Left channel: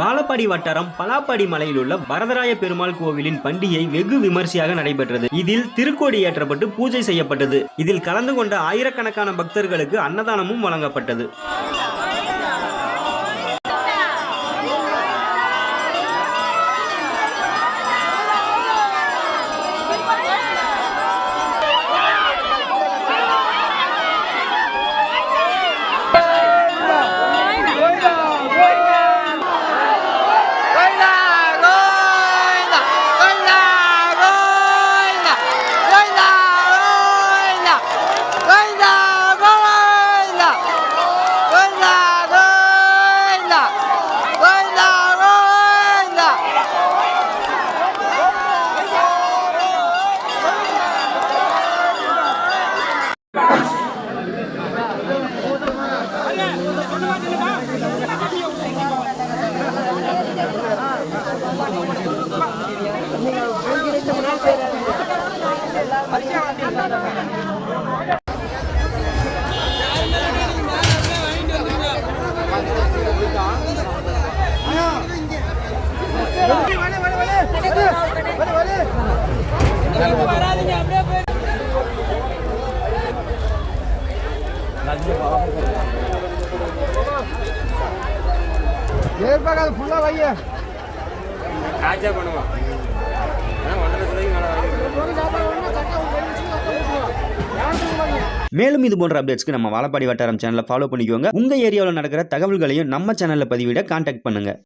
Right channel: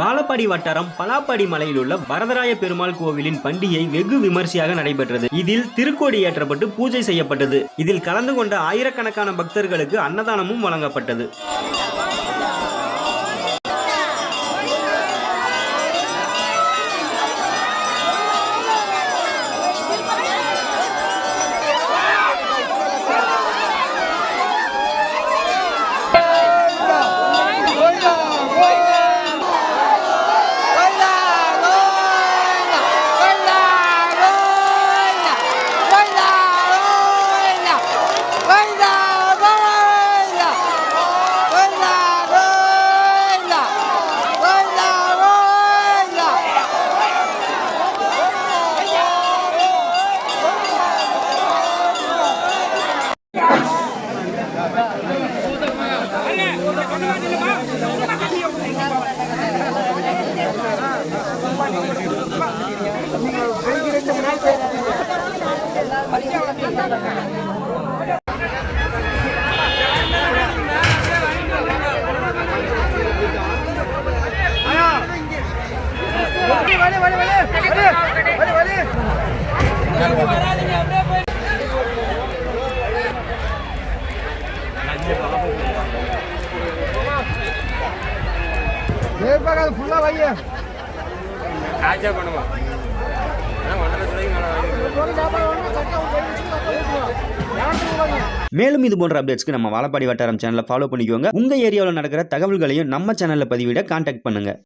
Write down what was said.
வாழப்பாடி வட்டாரம் பலாப்பாடி மலையில் உள்ள வரதராய பெருமாள் கோவிலின் பண்டிகை வெகு விமர்சையாக நடைபெற்றது. இதில் திருக்கோடி ஏற்றப்பட்டு பூஜை செய்யப்பட்டது. இதில் கலந்து கொண்ட ஆயிரக்கணக்கான பக்தர்களுக்கு அன்னதானமும் வழங்கப்பட்டது. மேலும் இது போன்ற அப்டேட்ஸ்க்கு நம்ம வாழப்பாடி வட்டாரம் சேனலை ஃபாலோ பண்ணிக்கோங்க. உங்க ஏரியாவில் நடக்கிற தகவல்களையும் நம்ம சேனல்ல பதிவிட கான்டாக்ட் பண்ணுங்க.